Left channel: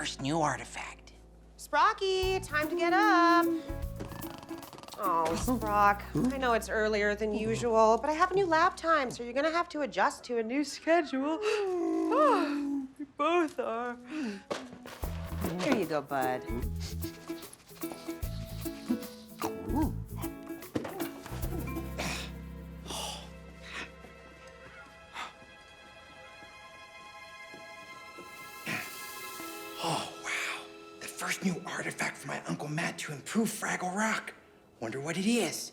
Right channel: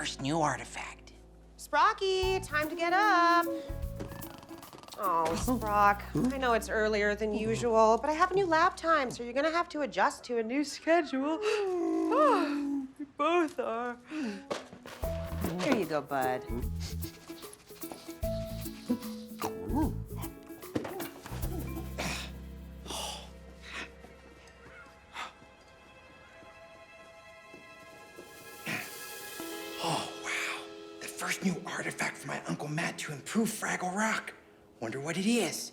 first new artifact. Sprocky, time to get up. Oh, Sprock, I know it's earlier than usual, but I have a new lab time, so you're gonna have to adjust to a new schedule. We both are. Here you go, bud. Oh, wow. The first new artifact for my Uncle Matt to improve Fraggle Rock. Wonder what it is.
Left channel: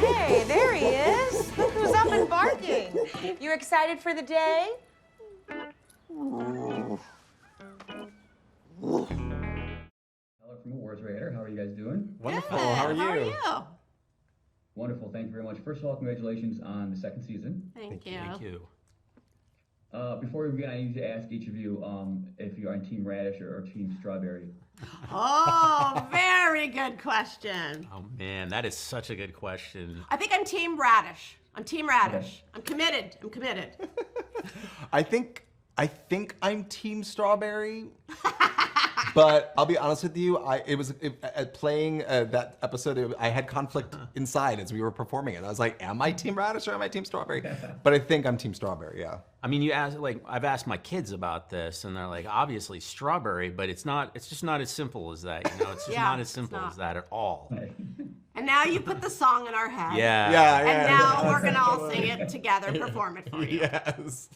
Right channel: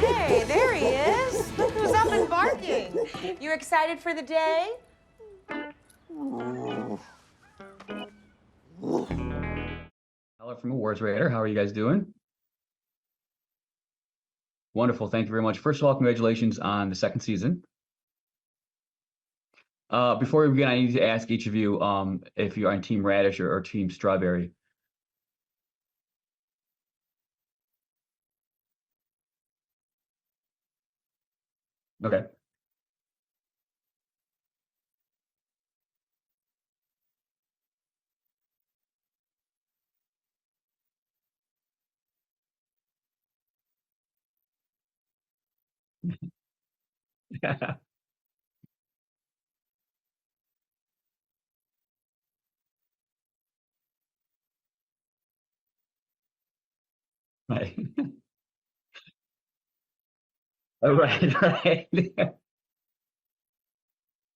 Hey, there he is. Look who's up and barking. You excited for the day? Hello from Awards Radar. How are you guys doing? Wonderful. How are you? Wonderful. Thank you very much. First of all, congratulations on the second season. Thank you. Before we begin, I need to ask each of you if you're on Team Radish or Team Strawberry. Oh, very good question. Oh man, that is such a good question. I think I'm Team Radish. I'm Team Radish. Okay. I'm committed. I think I'm Team Strawberry. But I'll be honest with you, playing that episode, I had conflict inside as we were performing it. I was like, am I Team Radish or am I Team Strawberry? But I think I'm Team Strawberry, yeah. I mean, I've asked my kids about this, and they're like, obviously strawberry, but it's just not as simple as that. You know, it's just not as simple as that at all. Right. And now you put the song in our head. Yeah. And now we're gonna all sing it together, perform it for you. Yes.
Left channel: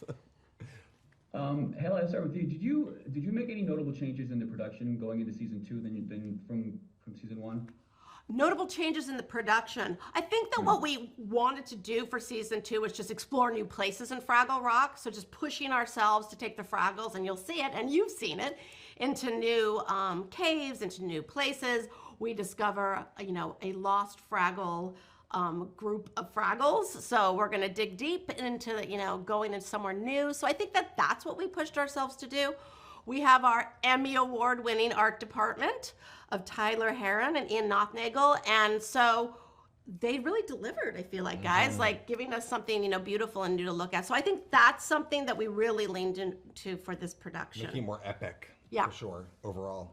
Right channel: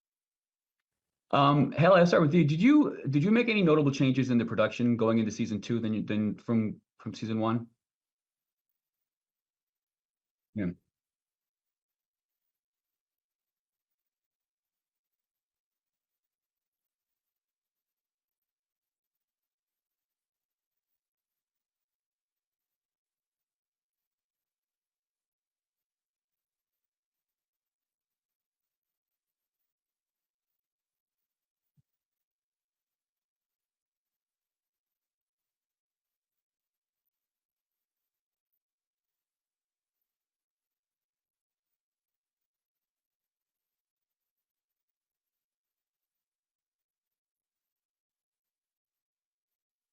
Halle, I'll start with you. Did you make any notable changes in the production going into season 2 than from season 1? Notable changes in the production. I think that what we wanted to do for season 2 was just explore new places in Fraggle Rock. So just pushing ourselves to take the Fraggles, and you'll see it, and you've seen it, into new caves, into new places. We discover, a lost Fraggle group of Fraggles. So we're gonna dig deep into, going into somewhere new. So I think that that's what we pushed ourselves to do. We have our Emmy Award winning art department of Tyler Heron and Ian Nothnagel. And so they really delivered, I feel like, guys, like giving us something, beautiful and new to look at. So I think that's something that we really leaned into for this production. Making it more epic, for sure, overall.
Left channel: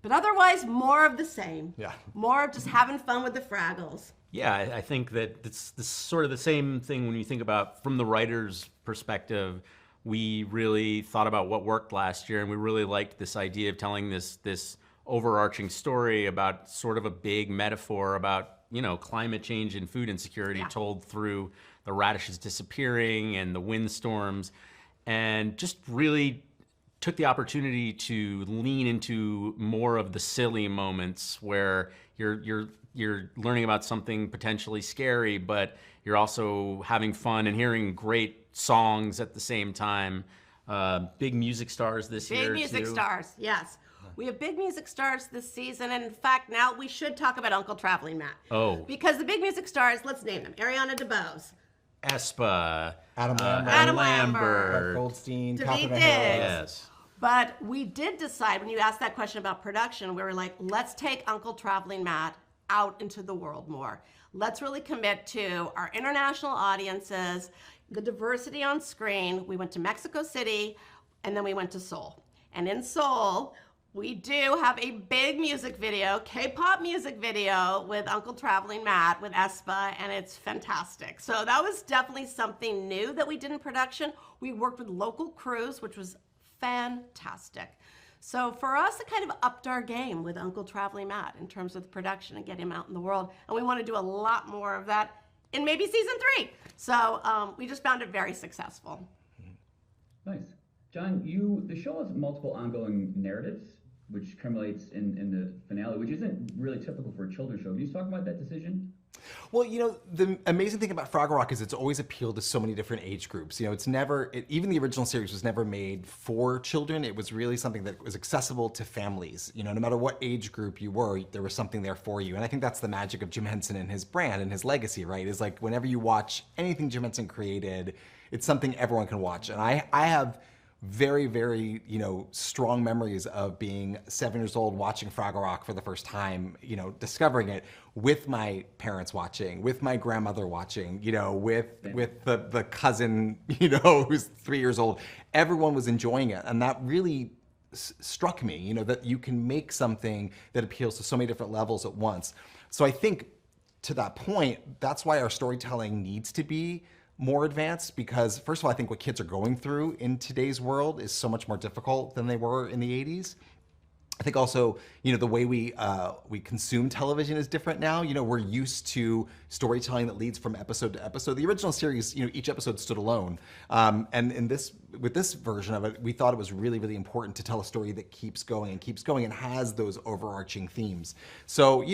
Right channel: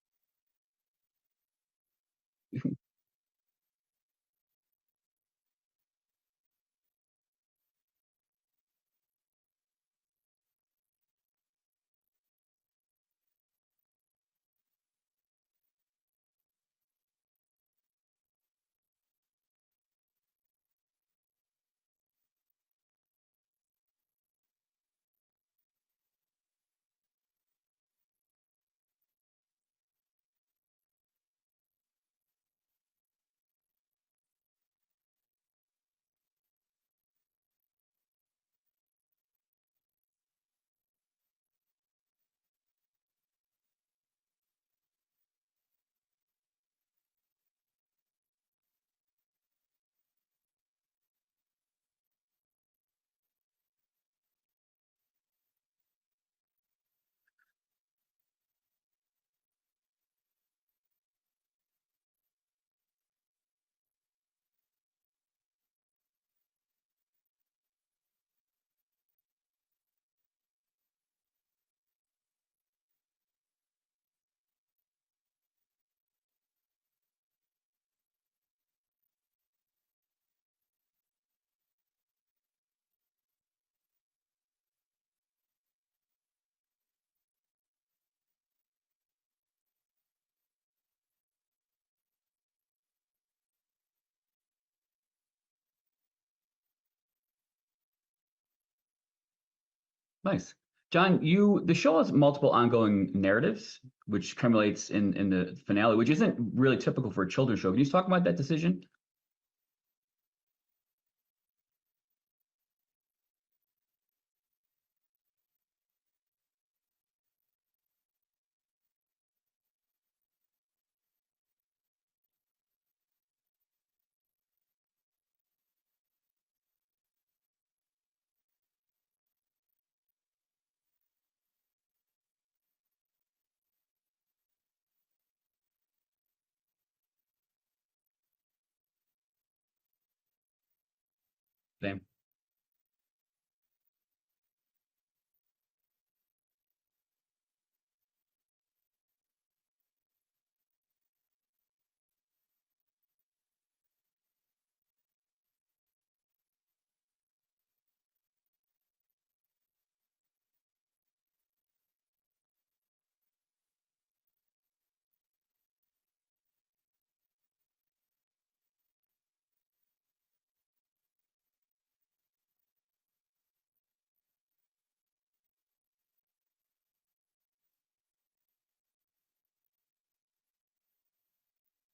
But otherwise, more of the same. Yeah. More of just having fun with the Fraggles. Yeah, I think that it's sort of the same thing when you think about from the writer's perspective. We really thought about what worked last year, and we really liked this idea of telling this overarching story about sort of a big metaphor about, climate change and food insecurity told through the radishes disappearing and the windstorms, and just really took the opportunity to lean into more of the silly moments where you're learning about something potentially scary, but you're also having fun and hearing great songs at the same time. Big music stars this year, Big music stars, yes. We have big music stars this season, and in fact, now we should talk about Uncle Traveling Matt. Oh. Because the big music stars, let's name them. Ariana DeBose. Espa. Adam Lambert. Adam Lambert. Goldstein. David Catherine Diggs. Harris. Yes. But we did decide, when you asked that question about production, we were like, let's take Uncle Traveling Matt out into the world more. Let's really commit to our international audiences, the diversity on screen. We went to Mexico City, and then we went to Seoul. And in Seoul, we do have a big music video, K-pop music video with Uncle Traveling Matt, with Espa, and it's fantastic. So that was definitely something new that we did in production. We worked with local crews, which was fantastic. So for us, it kind of upped our game with Uncle Traveling Matt in terms of the production and getting him out in the world. And we want to do a lot more of that in maybe season 3. So we just found it very successful. Nice. John, the show has multiple ongoing narratives, which culminates in the finale, which isn't really typical for a children's show. Can you talk about that decision? Well, the amazing thing about Fraggle Rock is it's always appealed to so many different age groups. It's never, even the original series was never made for children. It was really something that was accessible to families. No matter what age group you were, there was something there for you. And I think that's the magic of Jim Henson and his brand and his legacy, right? Is like whenever you watch anything Jim Henson created, it's something everyone can watch. And I have very, very, strong memories of being 7 years old, watching Fraggle Rock for the first time, discovering it with my parents watching, with my grandmother watching, with the cousin, who's 3 years old. Everyone was enjoying it. And that really struck me, that you can make something that appeals to so many different levels at once. So I think to that point, that's why our storytelling needs to be more advanced, because first of all, I think what kids are going through in today's world is so much more difficult than they were in the 80s. I think also, the way we consume television is different now. We're used to storytelling that leads from episode to episode. The original series, each episode stood alone. And with this version of it, we thought it was really, really important to tell a story that keeps going and has those overarching themes. So,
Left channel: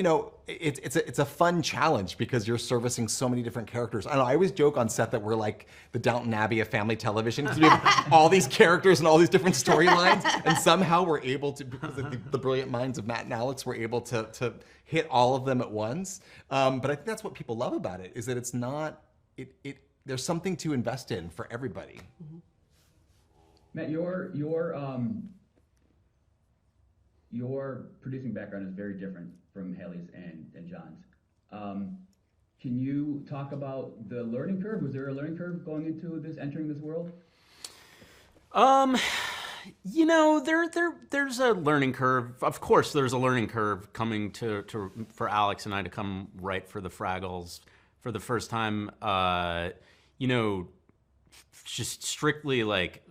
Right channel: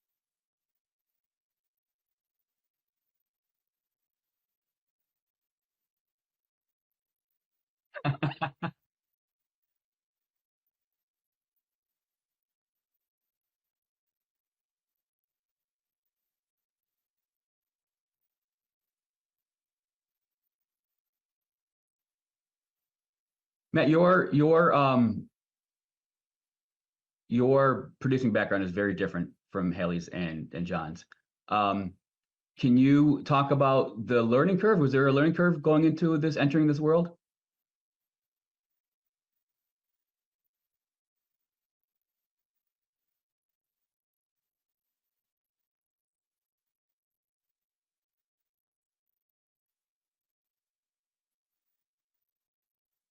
it's a fun challenge because you're servicing so many different characters. I don't know, I always joke on set that we're like the Downton Abbey of family television, because we have all these characters and all these different storylines, and somehow we're able to, because of the brilliant minds of Matt and Alex, we're able to hit all of them at once. But I think that's what people love about it, is that it's not, there's something to invest in for everybody. Mm-hmm. Matt, your producing background is very different from Halle's and John's. Can you talk about the learning curve? Was there a learning curve going into entering this world? There's a learning curve. Of course, there's a learning curve coming for Alex and I to come write for the Fraggles for the first time. Just strictly like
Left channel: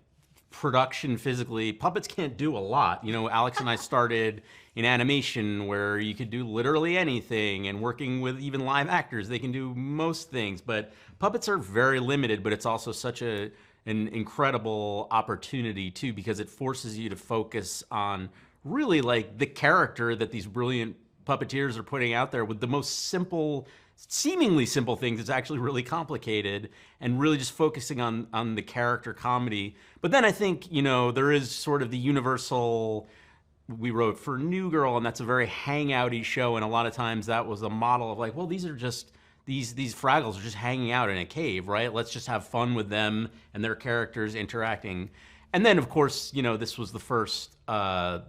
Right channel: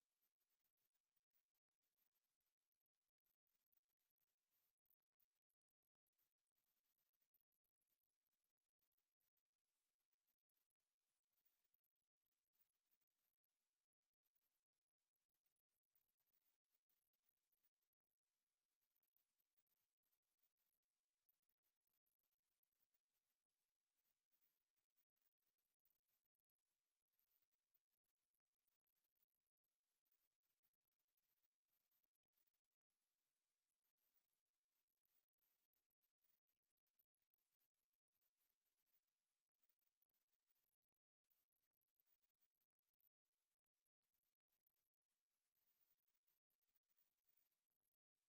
production physically, puppets can't do a lot. Alex and I started in animation where you could do literally anything, and working with even live actors, they can do most things, but puppets are very limited. But it's also such an incredible opportunity too, because it forces you to focus on really like the character that these brilliant puppeteers are putting out there with the most seemingly simple things. It's actually really complicated, and really just focusing on the character comedy. But then I think, there is sort of the universal, we wrote for New Girl, and that's a very hangouty show, and a lot of times that was a model of like, well, these are just, these Fraggles are just hanging out in a cave, right? Let's just have fun with them and their characters interacting. And then, of course, this was the first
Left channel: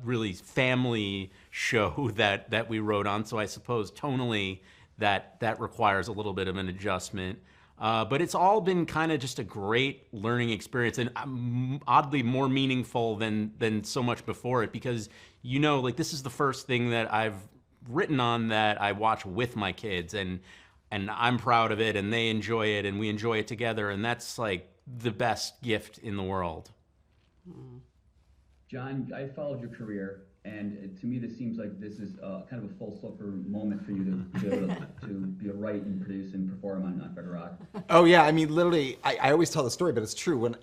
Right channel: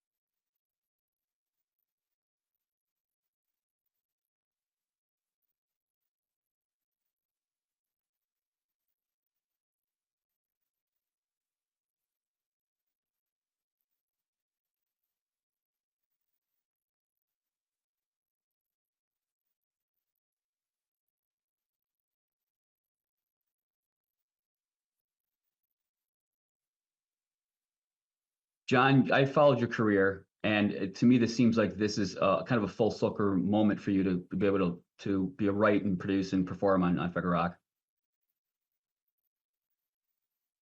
really family show that we wrote on, so I suppose tonally that requires a little bit of an adjustment. But it's all been kind of just a great learning experience, and oddly more meaningful than so much before it, because this is the first thing that I've written on that I watch with my kids, and I'm proud of it, and they enjoy it, and we enjoy it together, and that's like the best gift in the world. John, I followed your career, and to me, this seems like this is kind of a full circle moment for you to be able to be a write and produce and perform on Fraggle Rock. Oh yeah, I mean, literally, I always tell the story, but it's true. When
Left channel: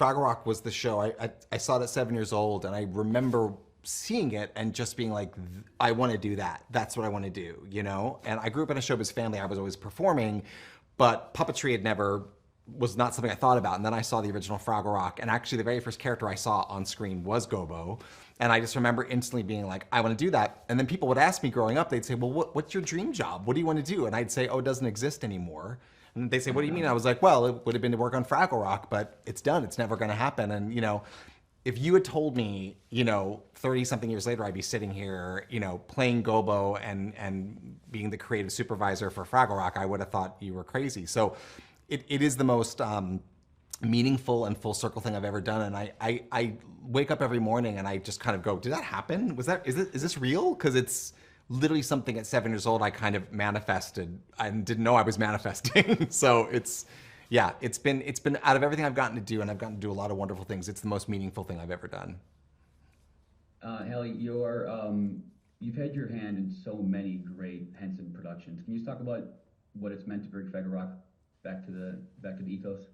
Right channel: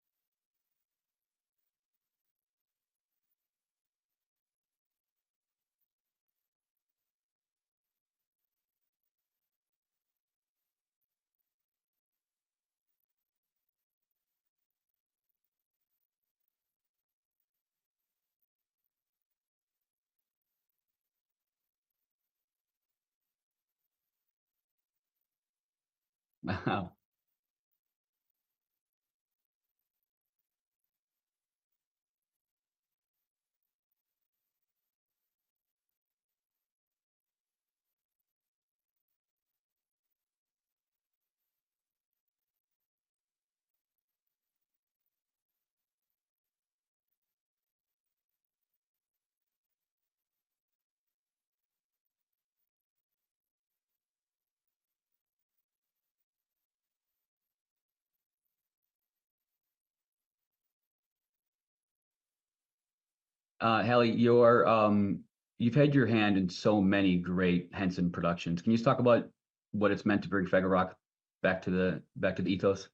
Fraggle Rock was the show, I saw it at 7 years old, and I remember seeing it and just being like, I want to do that. That's what I want to do, And I grew up in a showbiz family. I was always performing, but puppetry was not something I thought about. And then I saw the original Fraggle Rock, and actually the very first character I saw on screen was Gobo. And I just remember instantly being like, I want to do that. And then people would ask me growing up, they'd say, well, what's your dream job? What do you want to do? And I'd say, oh, it doesn't exist anymore. And they'd say, what do you mean? I was like, well, it would have been to work on Fraggle Rock, but it's done. It's never going to happen. And, if you had told me, 30-something years later, I'd be sitting here, playing Gobo and being the creative supervisor for Fraggle Rock, I would have thought you were crazy. So it is the most meaningful and full circle thing I've ever done. And I wake up every morning and I just kind of go, did that happen? Is this real? Because it's literally something at 7 years old I kind of manifested and didn't know I was manifesting. So it's been out of everything I've gotten to do, and I've gotten to do a lot of wonderful things, it's the most meaningful thing I've ever done. Halle, you've had your hand in so many great Henson productions. Can you talk about what it's meant to bring Fraggle Rock back to the ethos?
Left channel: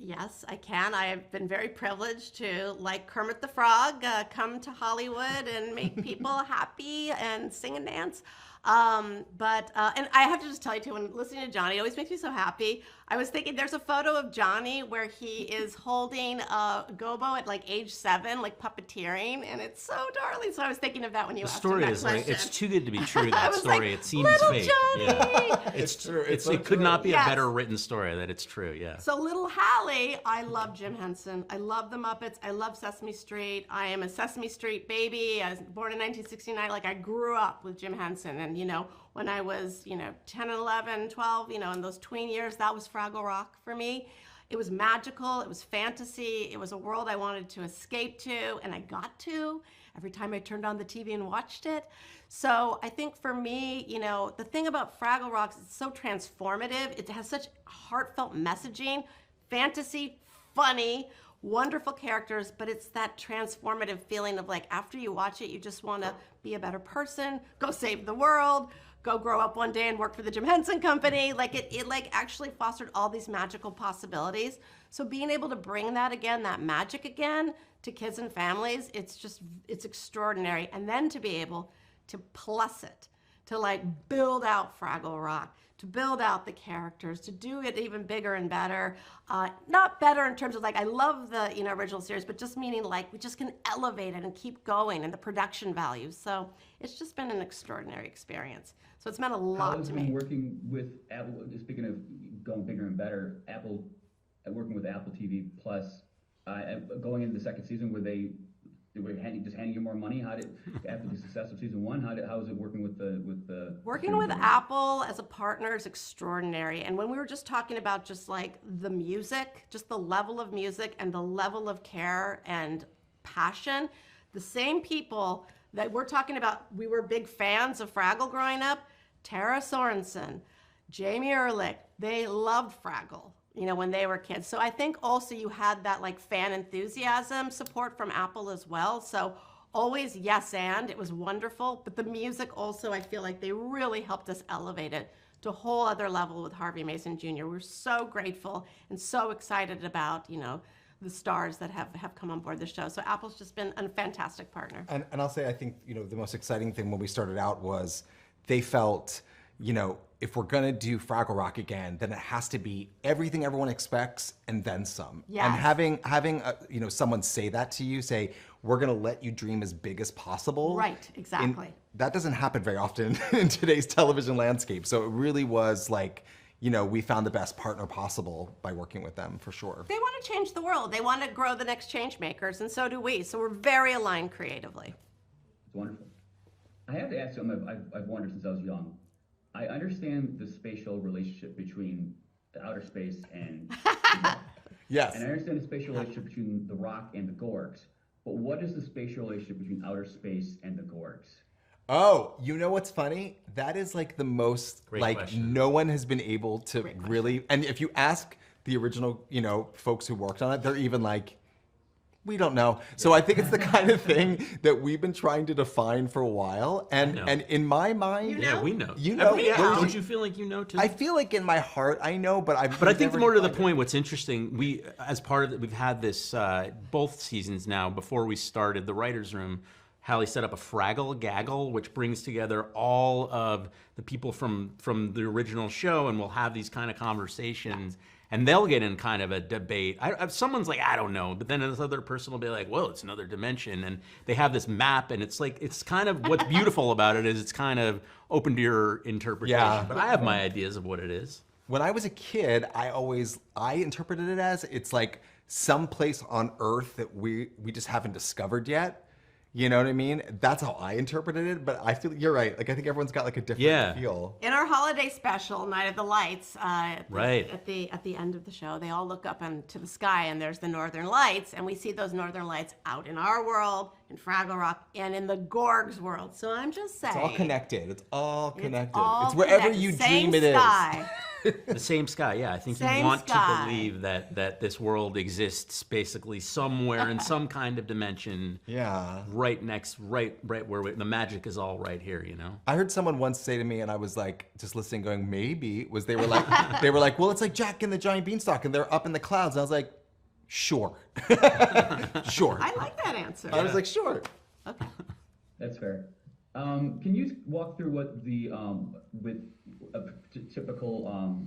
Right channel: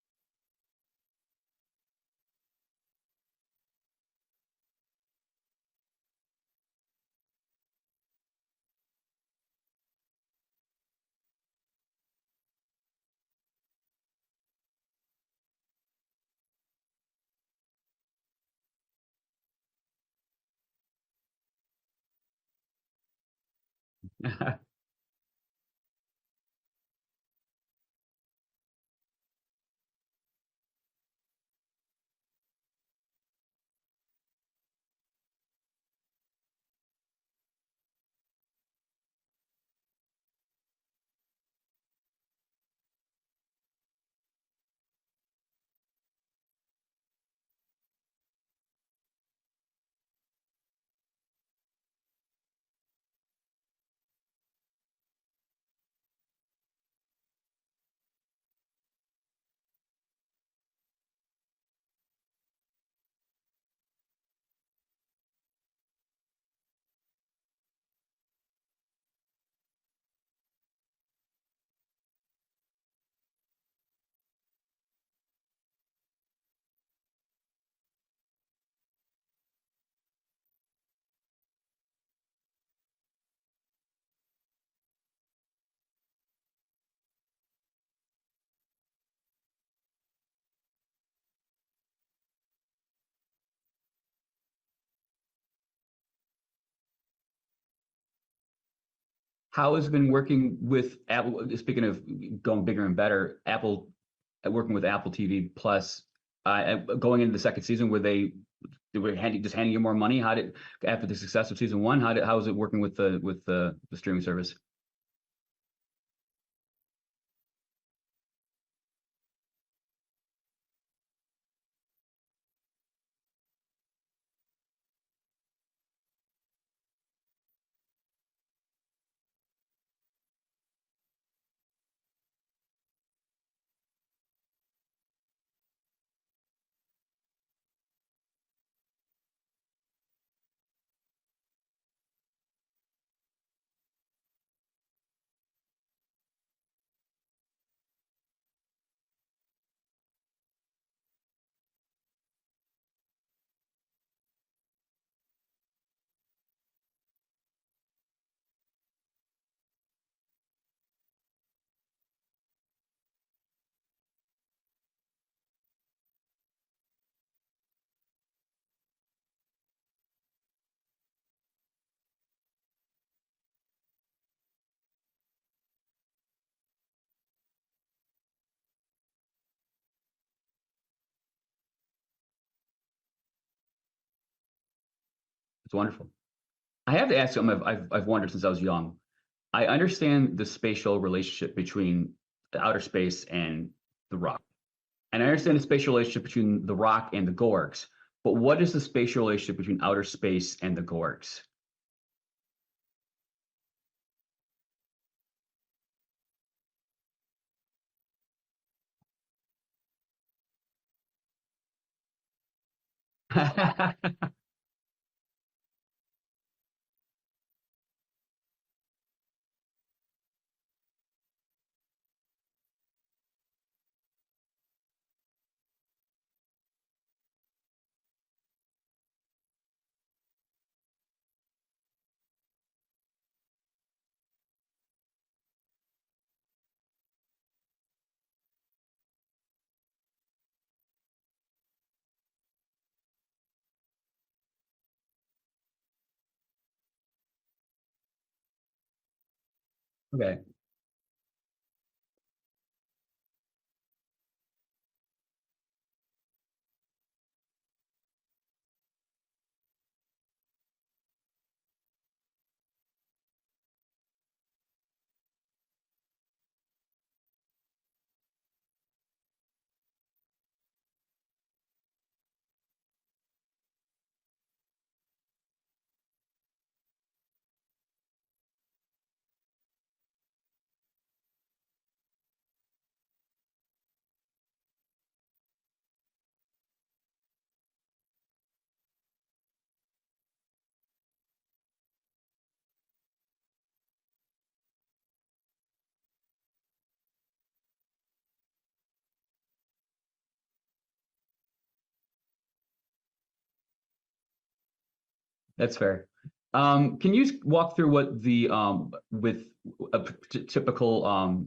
Yes, I can. I have been very privileged to, like Kermit the Frog, come to Hollywood and make people happy and sing and dance. And I have to just tell you too, when listening to Johnny, it always makes me so happy. I was thinking there's a photo of Johnny where he is holding a gobo at like age 7, like puppeteering, and it's so darling. So I was thinking of that when you The asked him story that is question. like, it's too good to be true, I that was story. like, It seems "Little fake. Johnny!" Yeah. It's true. It could not be Yes. a better written story that it's true, yeah. So little Halle, I love Jim Henson. I love the Muppets. I love Sesame Street. I am a Sesame Street baby. I was born in 1969. Like I grew up with Jim Henson. And, you know, when I was, 10 and 11, 12, in those tween years, that was Fraggle Rock for me. It was magical. It was fantasy. It was a world I wanted to escape to, and I got to every time I turned on the TV and watched it. So I think for me, the thing about Fraggle Rock is it's so transformative. It has such heartfelt messaging, fantasy, funny, wonderful characters, but it's that transformative feeling of like after you watch it, you just want to be a better person, go save the world, go grow up one day and work for the Jim Henson Company. Like it actually fostered all these magical possibilities. So being able to bring that again, that magic again to kids and families, it's extraordinary. And then to be able to plus it, to like build out Fraggle Rock, to build out the characters, to do it even bigger and better. Not better in terms of like, I love the original series, but just meaning like we just can elevate it and keep going and the production value. So it's just been an extraordinary experience. So it's meant a lot. How has to been me. working with Apple, speaking of going bigger and better, Apple, working with Apple TV Plus, going into the second season, were they were just handing you more money? After the success of season 1, how was it working with the Working streaming with service? Apple as a partner is extraordinary. And when we were just talking about just like the music, just the level of music and the level of care and passion, the same people that we're talking about, we were big fans of Fraggle growing up, Tara Sorensen, Jamie Ehrlich, they loved Fraggle, when they were kids. So I think also you had that like fan enthusiasm support from Apple as well. So always yes and, it was wonderful. But the music also, I feel like they really helped us elevate it to a whole other level with Harvey Mason Jr. We're so grateful and so excited about, the stars that have come on board the show. So Apple's just been a fantastic partner. And I'll say, I think, the most exciting thing when we started out was they felt, if we're gonna do Fraggle Rock again, then it has to be everything everyone expects and then some. Yes. And having someone say that to you, say, we're gonna let you dream as big as possible. Right, exactly. That doesn't happen very often in today's television landscape. So it really was like, we found the best partner possible by working with them, for sure. They want to change the world. They want to grow the next change makers, and so do we. So we're very aligned creatively. It's wonderful. I have to ask something I've wondered since I was young. I understand the spatial relationship between the outer space and the rock. Yes. And I understand the spatial relationship between the rock and the Gorgs. But what is the spatial relationship between outer space and the Gorgs? Oh, you know what's funny? That is like the most, Great like question. no one has been able to really, and if you ask the original, folks who worked on it, they're even like, we don't know. So I think it's the kind of thing that we've been trying to define for a while. And know. and in my mind, Yeah, we know. You know, Yeah, where's don't the- you feel like you know too? I feel like in my heart I know, but But I think more to the point, what's interesting, we, as part of it, we've had this both seasons now. Before we started the writers' room, Halle set up a Fraggle Gaggle, which brings together all of the people from the original show, and we'll have these kind of conversations. And they'll get in kind of a debate. Someone's like, I don't know, but then this other person will be like, well, it's another dimension. And they have this map, and it's like, it's kind of, what's beautiful about it is it's kind of open to your interpretation. Yeah. But I have my ideas of what it is. When I was a kid, I interpreted it as it's like some place on Earth that we just haven't discovered yet. You know what I mean? That's how I interpreted it, but I feel you're right. Like I think everyone's got like a different feel. In our holiday special, Night of the Lights, Right. at the end of the show, they all look up into the sky, and there's the Northern Lights, and we see those Northern Lights out in our world, in Fraggle Rock, and in the Gorgs world. So I'm just saying, It's all connected. It's all connected. all It's wherever connected. you Same dream it is. sky. The same sky, yeah. I think you Same want to sky. believe that this world exists basically somewhere in some kind of dimension. Yeah. Right where the magic is all right here, you know? I heard someone once say to me, and I was like, just listening, going, maybe, they were like, well, it's like Jack and the Giant Beanstalk, and they're up in the clouds. And I was like, sure. Sure. I like that answer. I was like, sure. Okay. That's fair. Can you walk through what the with a typical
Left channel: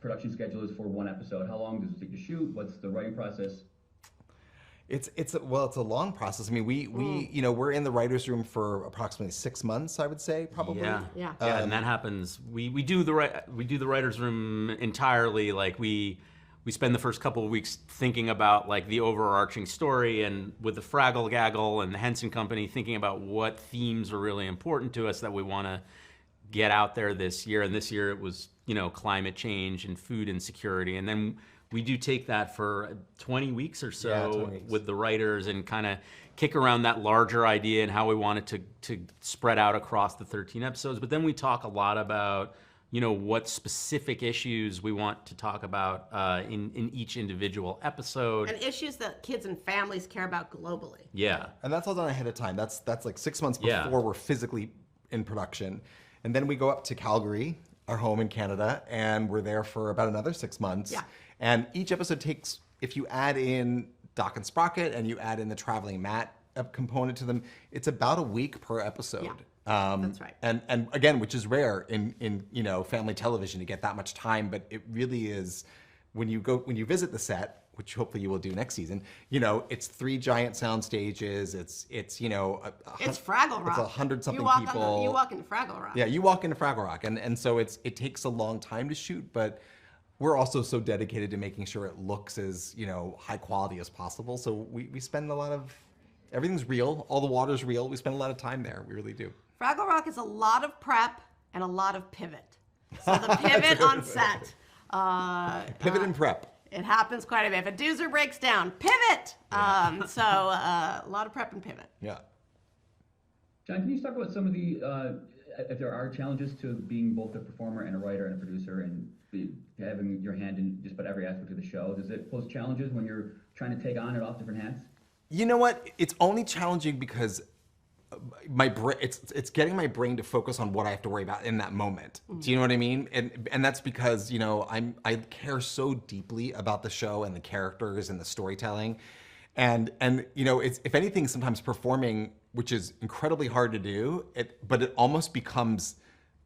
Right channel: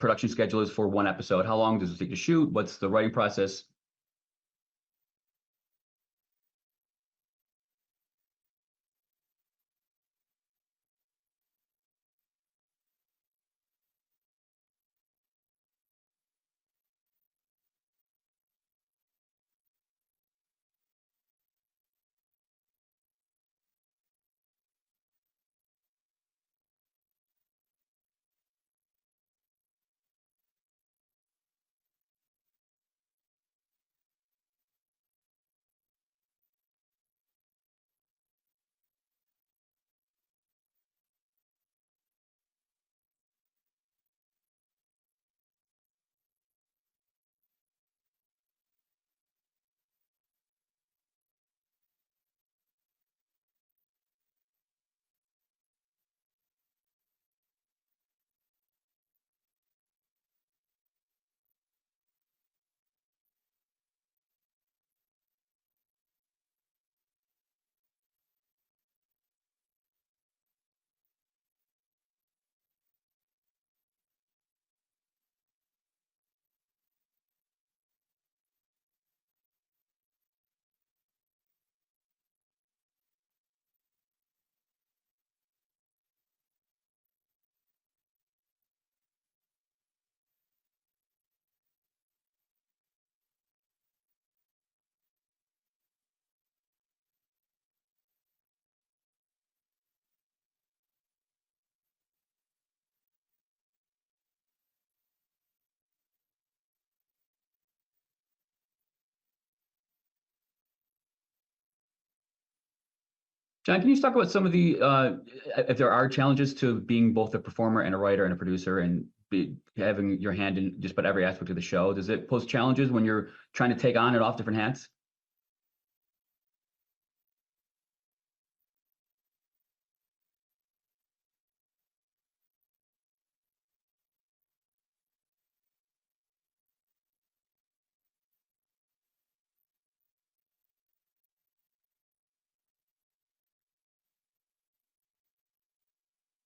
production schedule is for one episode? How long does it take to shoot? What's the writing process? It's a long process. I mean, we're in the writers' room for approximately 6 months, I would say, probably. Yeah, Yeah. and that happens. We do the writers' room entirely. Like we spend the first couple of weeks thinking about like the overarching story, and with the Fraggle Gaggle and the Henson Company, thinking about what themes are really important to us that we want to get out there this year. And this year it was climate change and food insecurity, and then we do take that for 20 weeks or so 20 weeks. with the writers and kind of kick around that larger idea and how we want it to spread out across the 13 episodes. But then we talk a lot about, what specific issues we want to talk about in each individual episode. And issues that kids and families care about globally. Yeah. And that's all done ahead of time. That's like 6 months Yeah. before we're physically in production. And then we go up to Calgary, our home in Canada, and we're there for about another 6 months. Yeah. And each episode takes, if you add in Doc and Sprocket and you add in the traveling Matt component to them, it's about a week per episode. Yeah, that's right. And again, which is rare in family television to get that much time, but it really is when you visit the set, which hopefully you will do next season. It's 3 giant sound stages. It's It's Fraggle Rock. It's 100-something you walk people. you walk into Fraggle Rock. Yeah, you walk into Fraggle Rock, and so it takes a long time to shoot, but we're also so dedicated to making sure it looks as high quality as possible. So we spend a lot of everything's real, all the water's real. We spend a lot of time there. We really do. Fraggle Rock is a lot of prep and a lot of pivot. So the pivot on set. Pivot and prep. It happens quite a bit. If a doozer breaks down, pivot. So a lot of prep and pivot. Yeah. John, can you talk about some of the, if there are challenges to being both a performer and a writer and a producer and having your hand in just about every aspect of the show? Does it pose challenges when you're trying to take on and off different hats? You know what? It's only challenging because it's getting my brain to focus on what I have to worry about in that moment. Do you know what I mean? And that's because I care so deeply about the show and the characters and the storytelling, and it's, if anything, sometimes performing, which is incredibly hard to do, but it almost becomes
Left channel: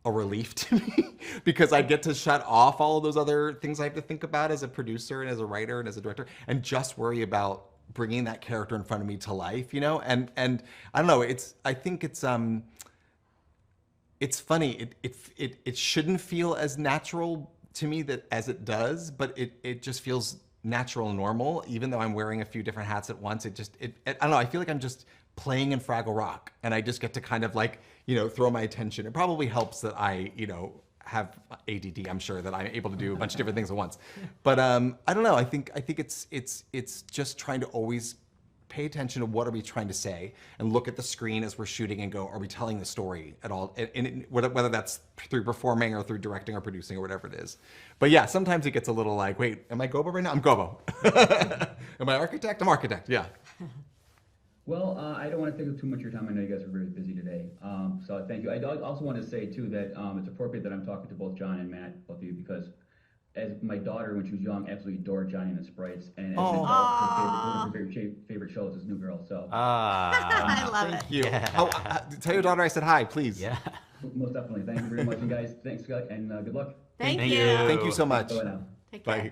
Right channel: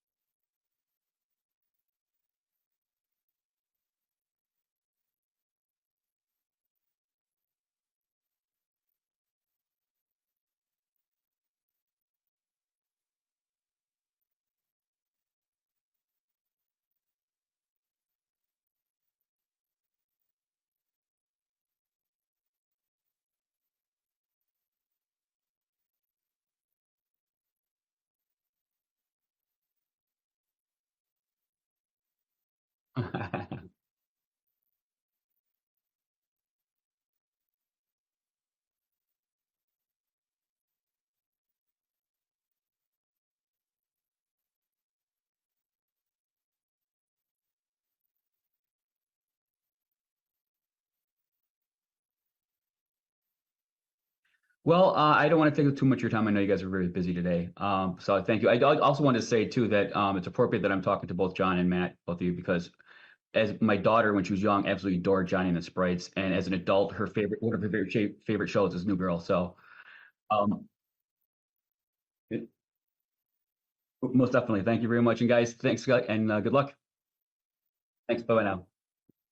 a relief to me because I get to shut off all of those other things I have to think about as a producer and as a writer and as a director, and just worry about bringing that character in front of me to life, and I don't know, I think it's funny. It shouldn't feel as natural to me as it does, but it just feels natural and normal, even though I'm wearing a few different hats at once. I don't know, I feel like I'm just playing in Fraggle Rock, and I just get to kind of throw my attention. It probably helps that I, have ADD. I'm sure that I'm able to do a bunch of different things at once. But I don't know. I think it's just trying to always pay attention to what are we trying to say, and look at the screen as we're shooting and go, are we telling the story at all? And whether that's through performing or through directing or producing or whatever it is. But yeah, sometimes it gets a little like, wait, am I Gobo right now? I'm Gobo. Am I architect? I'm architect. Yeah. Well, I don't want to take up too much of your time. I know you guys are very busy today. So thank you. I also wanted to say, too, that it's appropriate that I'm talking to both John and Matt, both of you, because as my daughter, when she was young, absolutely adored Johnny and the Sprites. And as an adult, one of her favorite shows is New Girl. So I love it. You. Tell your daughter I said hi, please. Yeah. most definitely. Tk you very much. And guys, thanks, and good luck. Thank Thank you. you. Thank you so much. Bye-bye now. Take care. Bye.